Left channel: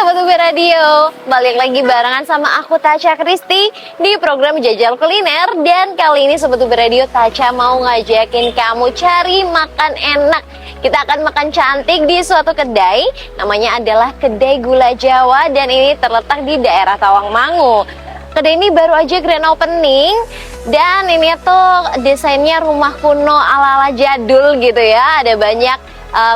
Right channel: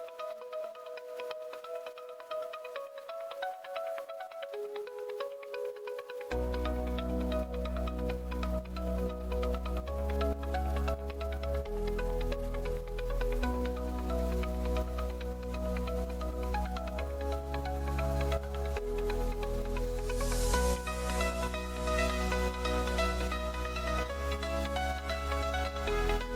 Sobat UB Radio, balik lagi barengan sama aku Tasya Kristi di program Jajal Kuliner. Dan kali ini Sobat UB Radio, Tasya mau ngajakin kamu cari makan enak. Kita akan makan cantik di suatu kedai, namanya adalah Kedai Gula Jawa, dan ini terletak di daerah Tawangmangu. Kedai ini baru aja grand opening, dan ini tuh desainnya rumah kuno ala-ala jadul gitu ya. Ada banyak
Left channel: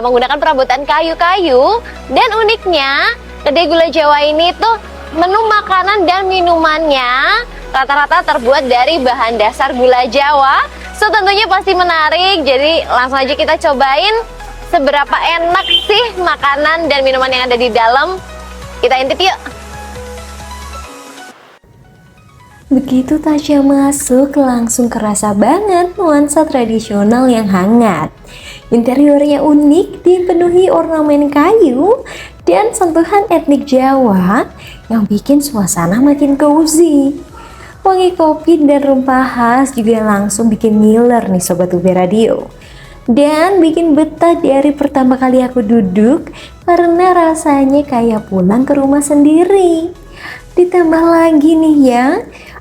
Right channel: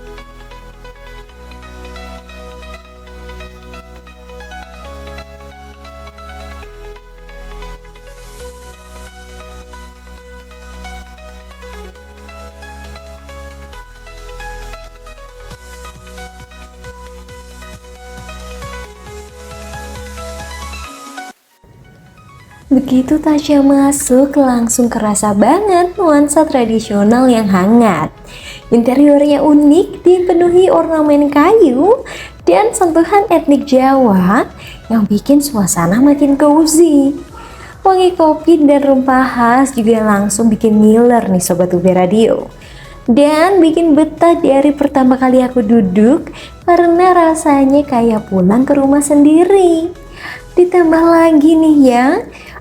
menggunakan perabotan kayu-kayu, dan uniknya Kedai Gula Jawa ini tuh menu makanan dan minumannya rata-rata terbuat dari bahan dasar gula Jawa. So tentunya pasti menarik, jadi langsung aja kita cobain seberapa enak sih makanan dan minuman yang ada di dalam. Kita intip yuk. Begitu Tasya masuk, langsung kerasa banget nuansa tradisional yang hangat. Interiornya unik, dipenuhi ornamen kayu dan sentuhan etnik Jawa yang bikin suasana makin cozy. Wangi kopi dan rempah khas juga langsung bikin ngiler nih Sobat UB Radio. Dan bikin betah dari pertama kali aku duduk karena rasanya kayak pulang ke rumah sendiri. Ditambah lagi nih ya,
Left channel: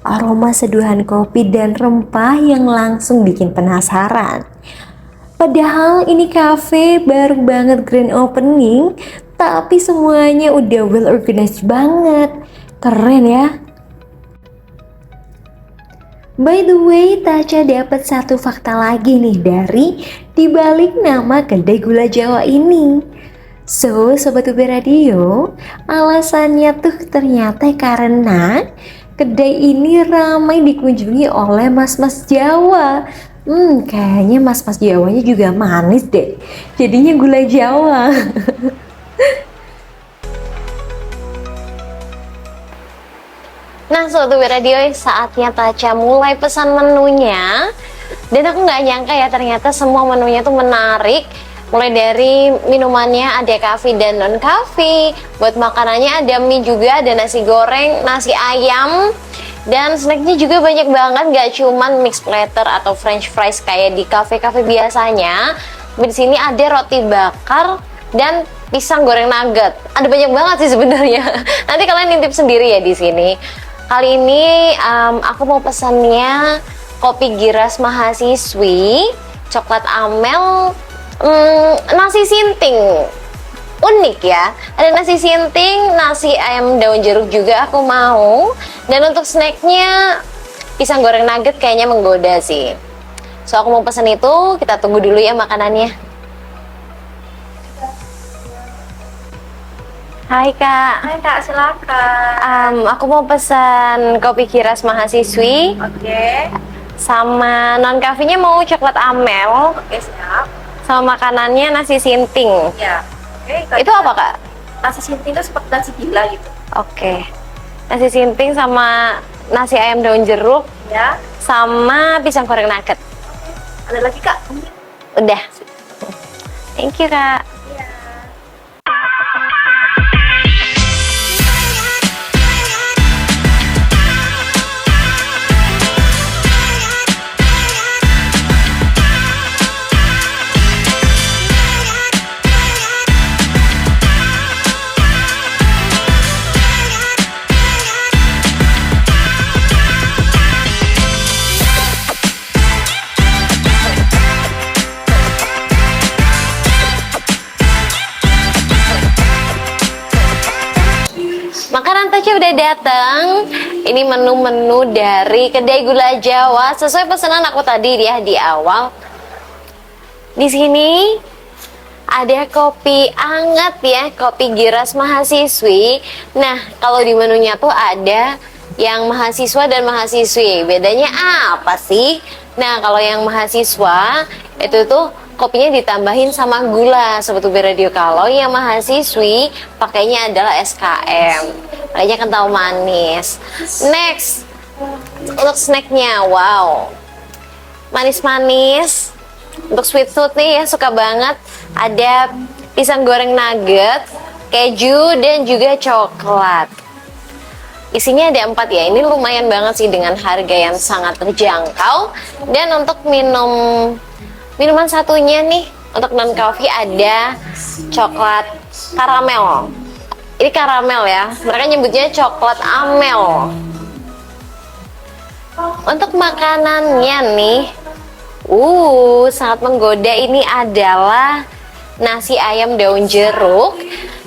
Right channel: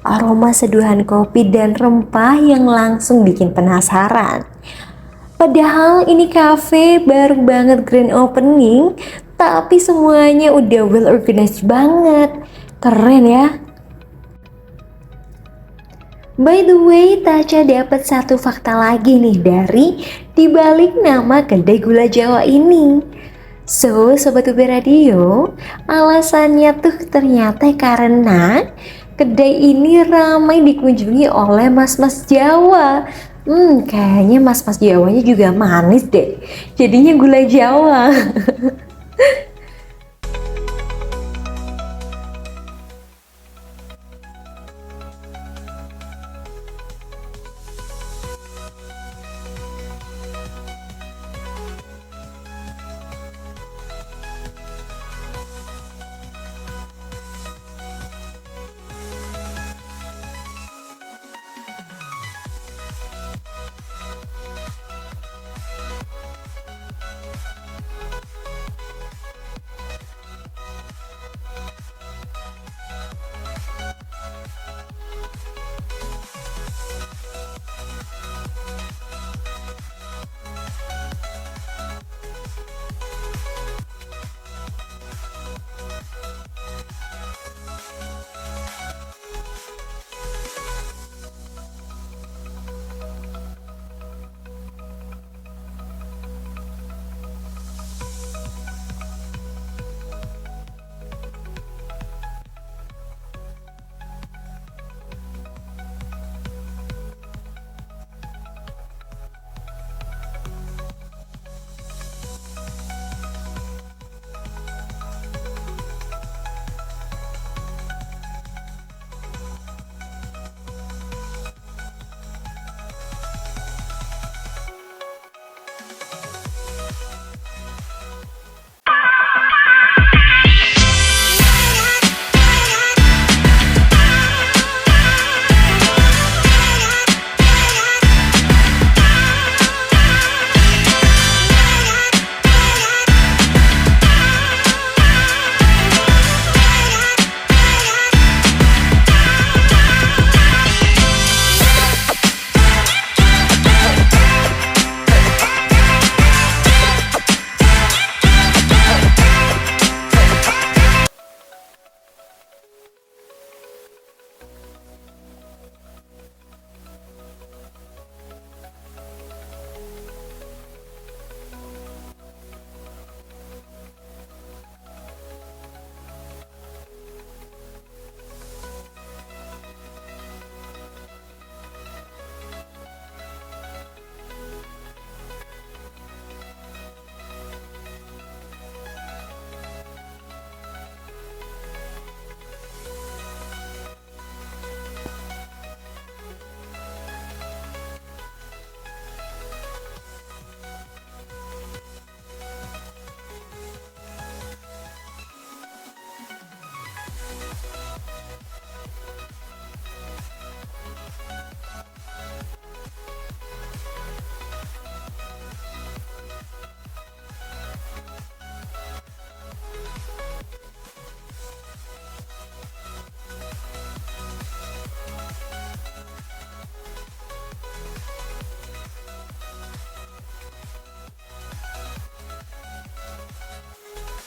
aroma seduhan kopi dan rempah yang langsung bikin penasaran. Padahal ini cafe baru banget grand opening, tapi semuanya udah well organized banget. Keren ya. By the way, Tasya dapat satu fakta lagi nih dari dibalik nama Kedai Gula Jawa ini. So, Sobat UB Radio, alasannya tuh ternyata karena kedai ini ramai dikunjungi oleh mas-mas Jawa. Kayaknya mas-mas Jawanya juga manis deh. Jadinya gula Jawa. Nah Sobat UB Radio, saatnya Tasya mulai pesan menunya. Dan aku nggak nyangka ya, ternyata semua menunya tuh menarik. Mulai dari minumannya ada coffee dan non coffee, buat makanannya ada mie juga, ada nasi goreng, nasi ayam, dan snacknya juga banyak banget. Gak cuman mixed platter atau french fries kayak di kafe-kafe biasanya. Di sini ada roti bakar dan pisang goreng nugget. Ada banyak banget sih sebenarnya. Nanti kalian intip sendiri ya di sini. Kali ini aku mau pesannya kopi giras mahasiswi, coklat amel, nasi sinting. Unik ya, ada nasi sinting, nasi ayam daun jeruk juga aku mau. Dan untuk snacknya pisang goreng nugget kayaknya menggoda sih. So aku mau pesan itu, kita tunggu dulu ya makanannya. Hai Kak. Hai Kak, silakan. Aku mau pesan kopi giras mahasiswi. Oke. Sama non kafenya mau coklat amel. Oke, siap. Sama makanannya nasi sinting. Ya. Oke, Itu apa Kak? nasi sinting itu seperti nasi gila gitu. Oke. Nasi sinting sama nasi ayam daun jeruk Ya. sama pisang goreng nugget. Ada lagi Kak? Udah. Thank you Kak. Makanan Tasya udah datang. Ini menu-menu dari Kedai Gula Jawa sesuai pesanan aku tadi ya di awal. Di sini ada kopi anget ya, kopi giras mahasiswi. Nah, kalau di menunya tuh ada yang mahasiswa dan mahasiswi. Bedanya apa sih? Nah, kalau yang mahasiswa itu tuh kopinya ditambahin sama gula Sobat UB Radio. Kalau yang mahasiswi pakainya adalah SKM, makanya kental manis. Next, untuk snacknya, wow, manis-manis. Untuk sweet tooth nih ya, suka banget. Ada pisang goreng nugget, keju, dan juga coklat. Isinya ada 4 ya, ini lumayan banget sih dengan harga yang sangat terjangkau. Dan untuk minuman satunya nih, untuk non coffee ada coklat karamel. Ini karamel ya, mereka nyebutnya coklat amel. Untuk makanannya nih, sangat menggoda. Ini adalah nasi ayam daun jeruk.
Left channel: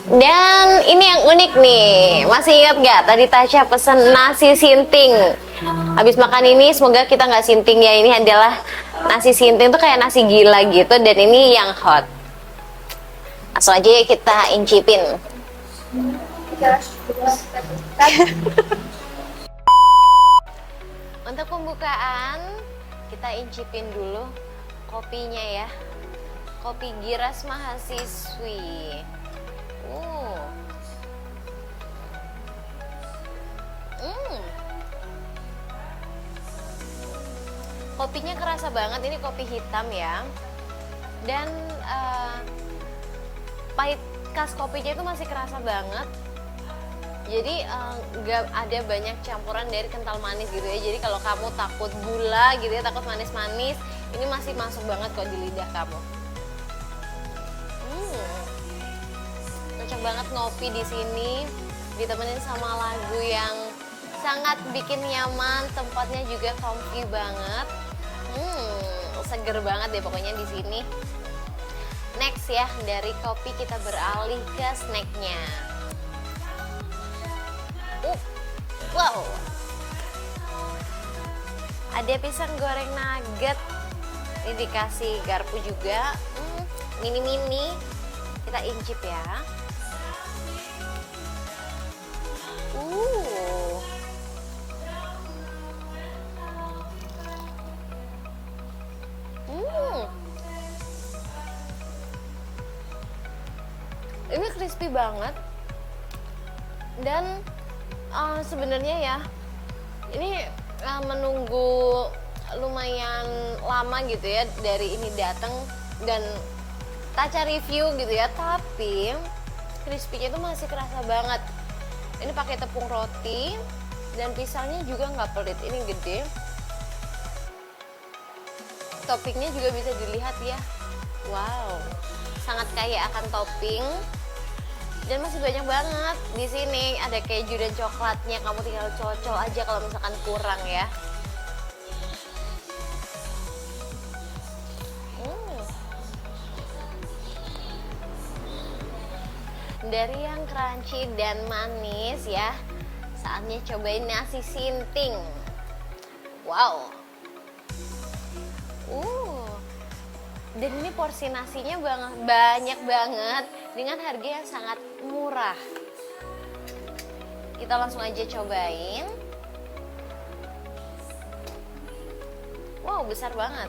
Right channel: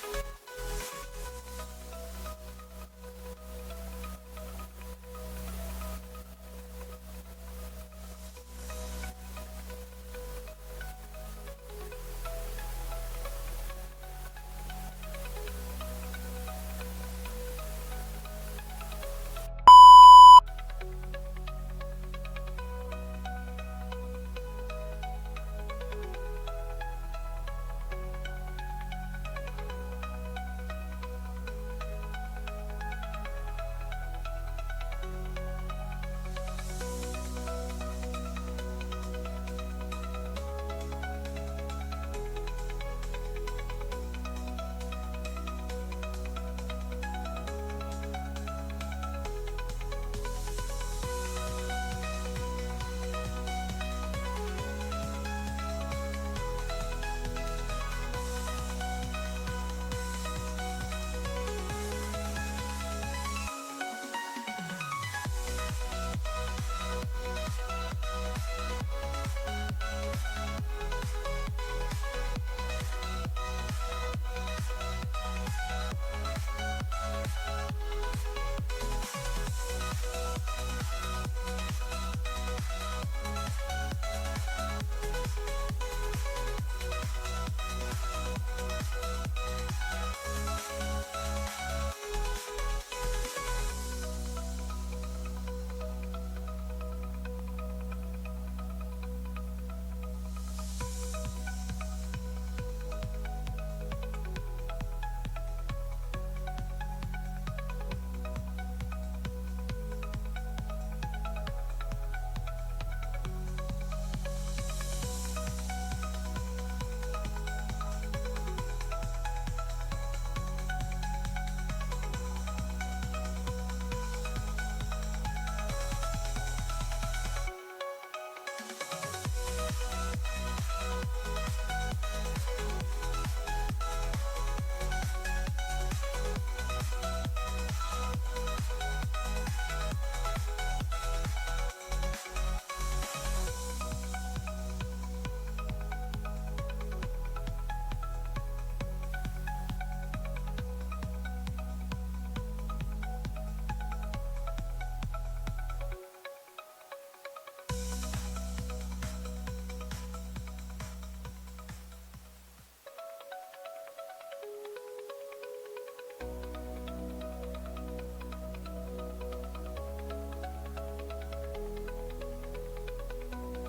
Dan ini yang unik nih, masih ingat gak tadi Tasya pesen nasi sinting? Habis makan ini semoga kita nggak sinting ya. Ini adalah nasi sinting tuh kayak nasi gila gitu, dan ini yang hot. Langsung aja kita incipin. Untuk pembukaan kita incipin dulu kopinya ya. Kopi Giras Mahasiswi. Kopinya kerasa banget, ini kopi hitam ya. Dan pahit khas kopinya itu masih kerasa banget. Jadi nggak ada banyak campuran dari kental manis gitu ya. Jadi kalau kamu takut gula gitu ya, takut manis-manis, ini masih masuk banget kok di lidah kamu. Cocok banget ngopi di sini, ditemenin sama lagu yang sangat bikin nyaman. Tempatnya juga comfy banget. Seger banget deh pokoknya di sini. Next ya, dari kopi kita beralih ke snacknya. Wow, ada pisang goreng nugget. Ini dikasih garpu juga, mini-mini. Kita incip ya. Ini crispy banget. Dan sebenarnya ya, ini menunggu lumayan lama gitu ya dari ini datang dan Tasya review gitu ya, tapi crispy-nya itu masih kerasa banget. Ini pakai tepung roti dan pisangnya juga nggak pelit, ini gede. Toppingnya juga bisa dilihat ya, wow, sangat kaya akan topping. Dan masih banyak banget di sini, ada keju dan coklatnya, kamu tinggal cocok aja kalau misalkan kurang ya. Dari yang crunchy dan manis ya, saatnya cobain nasi sinting. Wow. Dan ini porsi nasinya banyak banget dengan harga yang sangat murah. Kita langsung aja cobain. Wow, besar banget.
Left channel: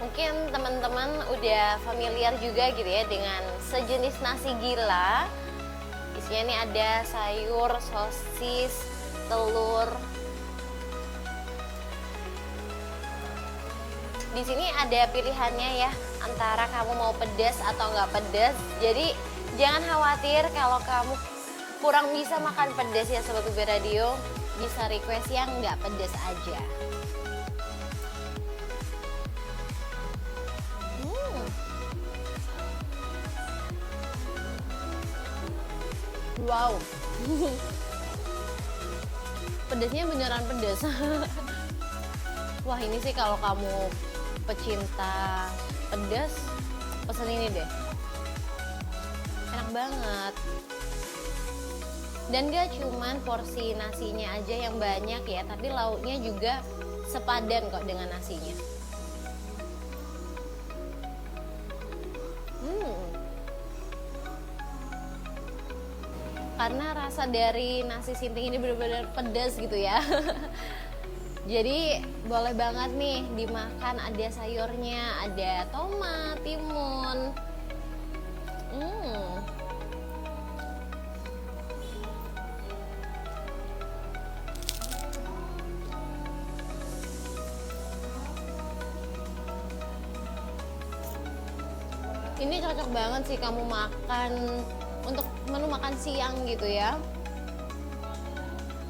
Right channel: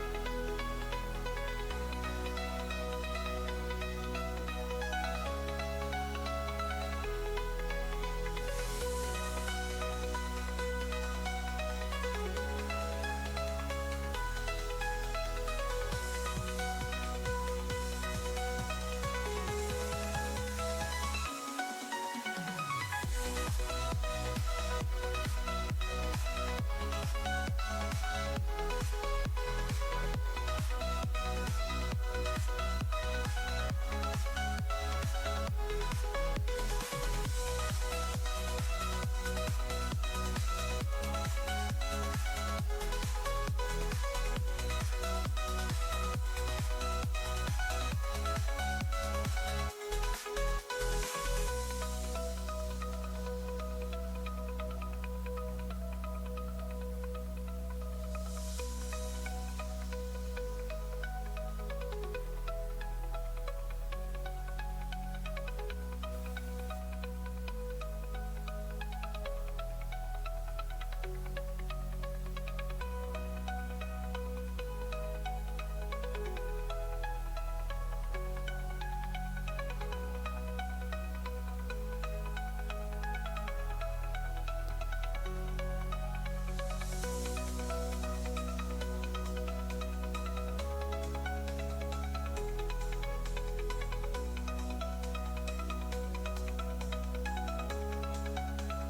Mungkin teman-teman udah familiar juga gitu ya dengan sejenis nasi gila. Isinya nih ada sayur, sosis, telur. Di sini ada pilihannya ya, antara kamu mau pedas atau nggak pedas. Jadi jangan khawatir kalau kamu kurang bisa makan pedas ya Sobat UB Radio, bisa request yang nggak pedas aja. Wow, pedasnya beneran pedas. Wah, ini sih kalau kamu pecinta pedas, pesen ini deh. Enak banget. Dan gak cuman porsi nasinya aja yang banyak ya, tapi lauknya juga sepadan kok dengan nasinya. Karena rasa dari nasi sinting ini benar-benar pedas gitu ya. Jadi boleh banget nih dimakan, ada sayurnya, ada tomat, timun. Ini cocok banget sih kamu makan untuk menu makan siang gitu ya.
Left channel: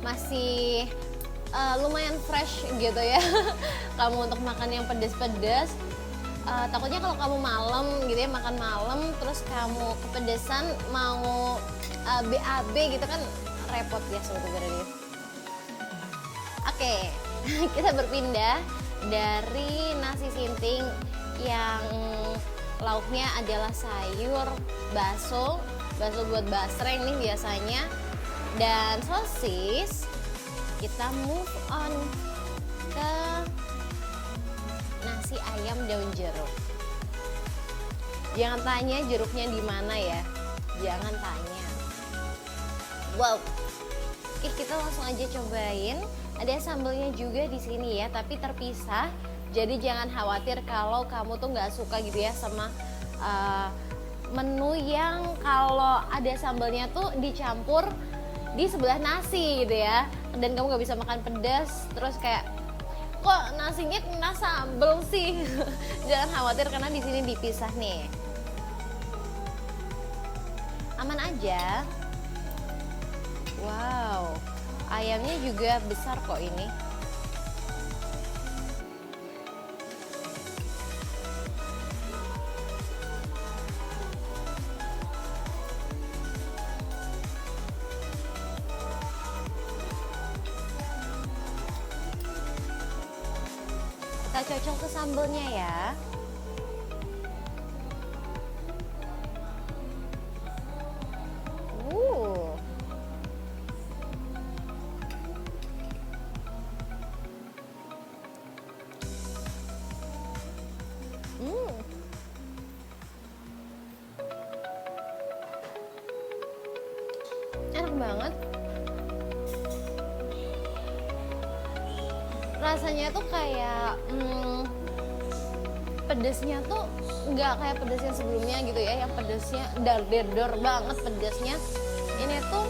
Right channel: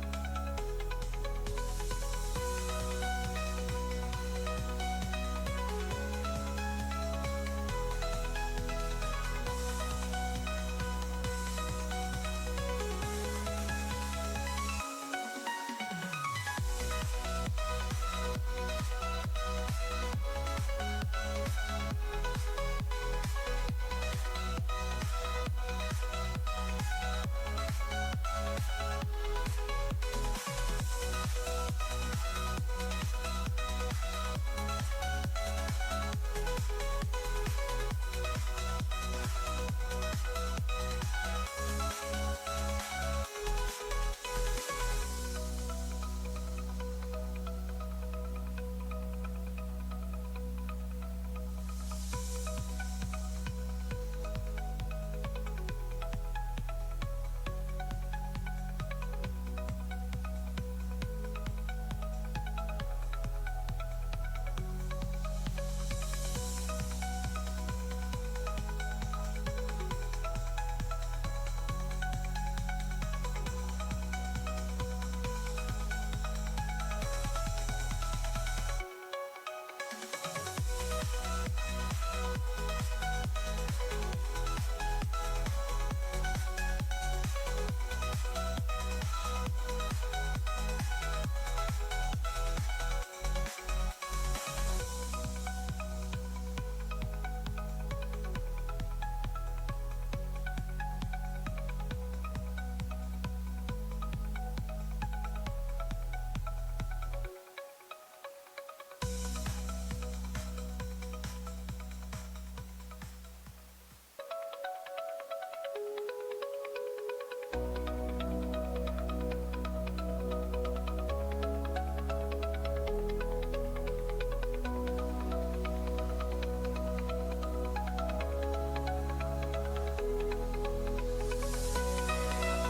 Masih lumayan fresh gitu ya. Kamu untuk makan yang pedas-pedas, takutnya kalau kamu malam gitu ya, makan malam terus kamu kepedesan mau BAB gitu kan repot ya sebenarnya. Oke, kita berpindah dari nasi sinting yang lauknya adalah sayur, bakso buat basreng nih biasanya, dan sosis. Kita move on ke nasi ayam daun jeruk. Jangan tanya jeruknya di mana ya, jangan tanya. Wow, kita langsung aja cobain. Ada sambelnya juga di sini ya, tapi terpisah. Jadi jangan khawatir kalau kamu tuh nggak suka gitu ya sama menu yang kalau ada sambelnya tuh dicampur di sebelah nasi gitu ya, dan kamu nggak bisa makan pedas, terus kayak kok nasinya kena sambel sih. Jangan khawatir karena di sini dipisah nih, aman aja. Wow, ayamnya juga besar kok ini. Kita cocok ke sambelnya ya. Enak banget. Rasanya tuh kayak pedesnya tuh nggak kayak pedesnya sebelumnya gitu ya, yang pedesnya dar banget pedesnya. Ini tuh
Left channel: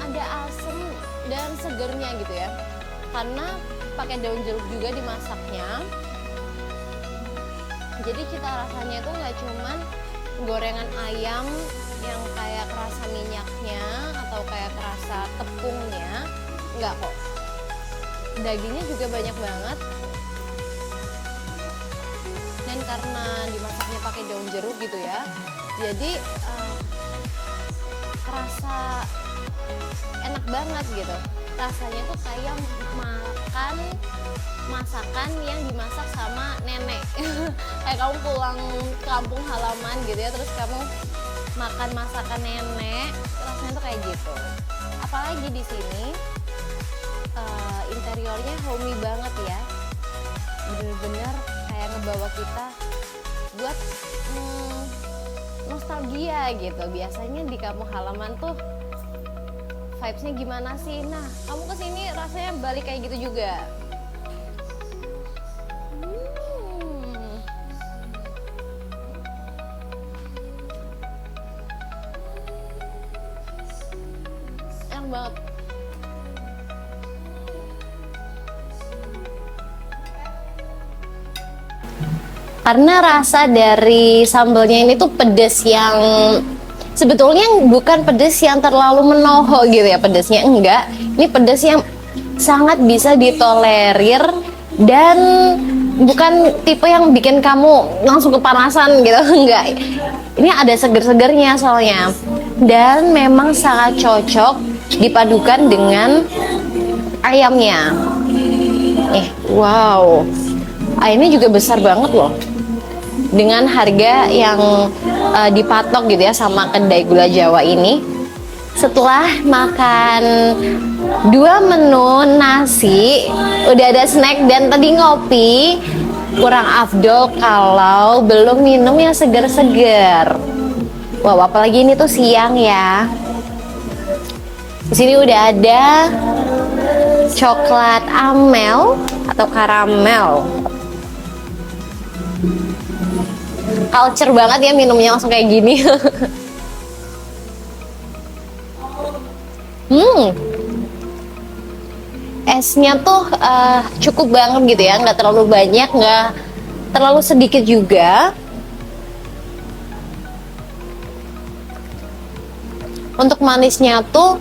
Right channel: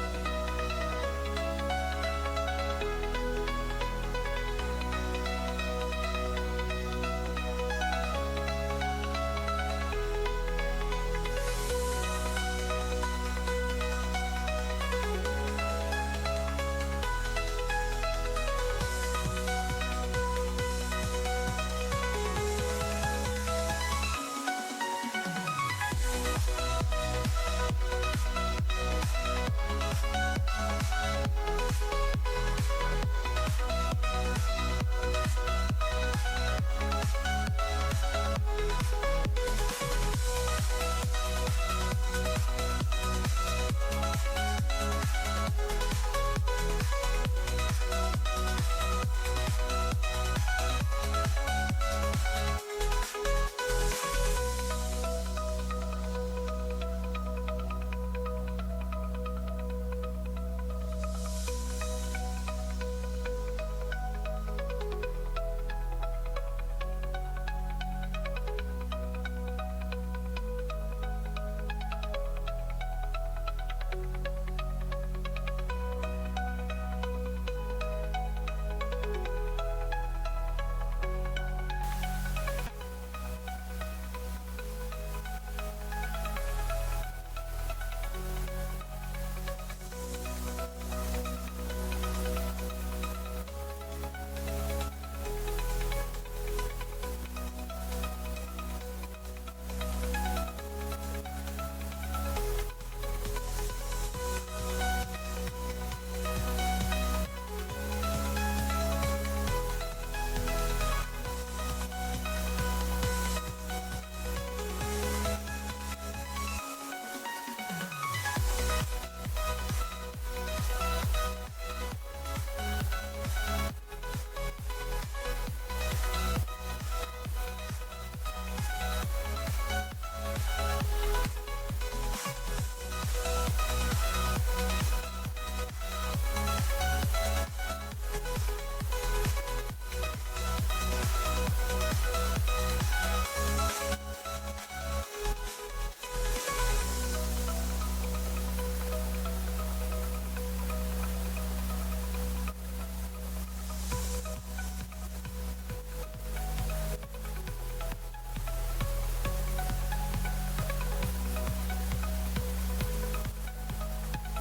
ada asam dan segernya gitu ya, karena pakai daun jeruk juga dimasaknya. Jadi cita rasanya tuh nggak cuman gorengan ayam yang kayak kerasa minyaknya atau kayak kerasa tepungnya, nggak kok. Dagingnya juga banyak banget, dan karena dimasaknya pakai daun jeruk gitu ya, jadi terasa enak banget gitu. Rasanya tuh kayak makan masakan yang dimasak sama nenek. Kayak kamu pulang kampung halaman gitu ya, terus kamu makan masakan nenek, rasanya tuh kayak gitu. Apalagi di sini interiornya homey banget ya, bener-bener kayak ngebawa kita buat nostalgia gitu. Biasanya di kampung halaman tuh vibes-nya gimana sih? Nah, kamu kesini rasanya balik kayak gitu juga. Enak banget. Karena rasa dari sambelnya ini tuh pedes yang sebetulnya bukan pedes yang terlalu menohok gitu ya, pedesnya enggak. Ini pedes yang sangat bisa ditolerir dan bukan tipe yang bikin kamu langsung kepanasan gitu, enggak. Ini ada seger-segernya soalnya, dan memang sangat cocok dipadukan dengan ayamnya. Wow, ayamnya juga besar banget loh, dengan harga yang dipatok gitu ya sama kedai gula Jawa ini. Setelah makan 2 menu nasi, udah ada snack dan tadi ngopi, kurang afdol kalau belum minum yang segar-segar. Wow, apalagi ini tuh siang ya. Di sini udah ada coklat amel atau karamel. Culture banget ya minumnya langsung kayak gini. Esnya tuh cukup banget gitu ya, nggak terlalu banyak, nggak terlalu sedikit juga. Untuk manisnya tuh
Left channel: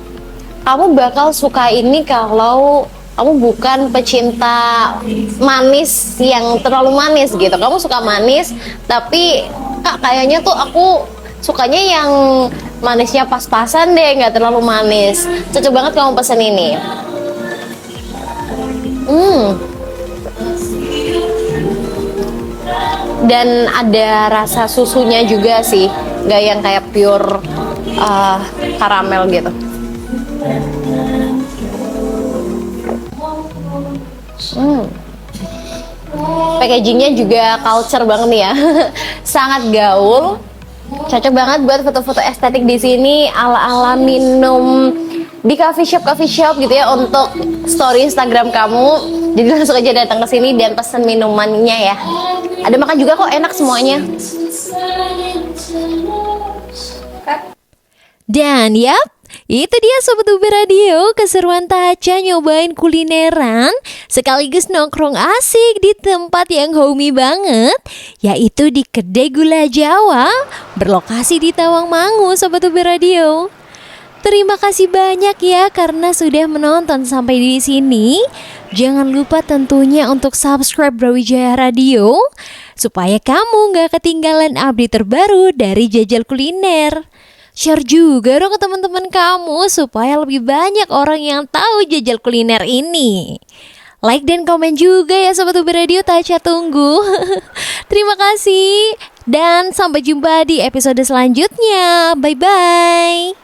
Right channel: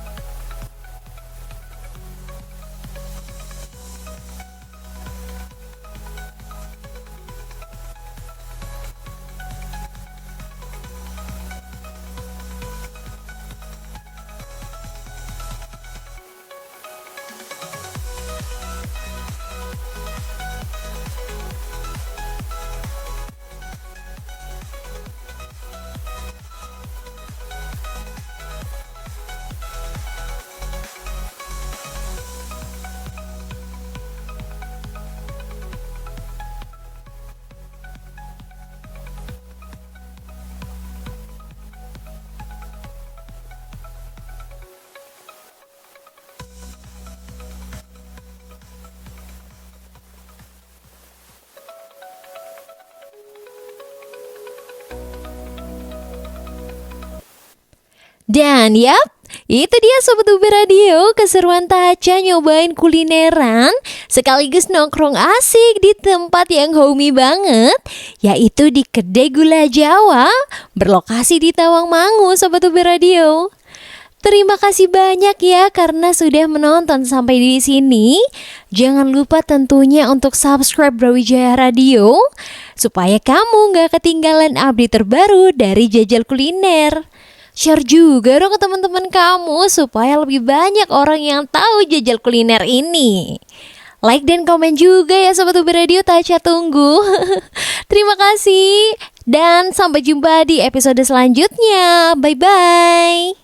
kamu bakal suka ini kalau kamu bukan pecinta manis yang terlalu manis gitu. Kamu suka manis, tapi Kak kayaknya tuh aku sukanya yang manisnya pas-pasan deh, nggak terlalu manis. Cocok banget kamu pesen ini. Dan ada rasa susunya juga sih, nggak yang kayak pure karamel gitu. Packagingnya juga culture banget nih ya, sangat gaul, cocok banget buat foto-foto estetik di sini ala-ala minum di coffee shop gitu ya untuk story Instagram kamu. Jadi langsung aja datang ke sini dan pesen minumannya ya. Ada makan juga kok, enak semuanya. Dan yap, itu dia Sobat UB Radio, keseruan Taca nyobain kulineran sekaligus nongkrong asik di tempat yang homey banget, yaitu di Kedai Gula Jawa berlokasi di Tawangmangu Sobat UB Radio. Terima kasih banyak ya karena sudah menonton sampai di sini. Jangan lupa tentunya untuk subscribe Brawijaya Radio supaya kamu gak ketinggalan update terbaru dari Jajal Kuliner. Share juga dong ke teman-teman kamu supaya lebih banyak orang yang tahu Jajal Kuliner ini. Like dan komen juga ya Sobat UB Radio, Taca tunggu. Terima kasih dan sampai jumpa di episode selanjutnya. Bye-bye.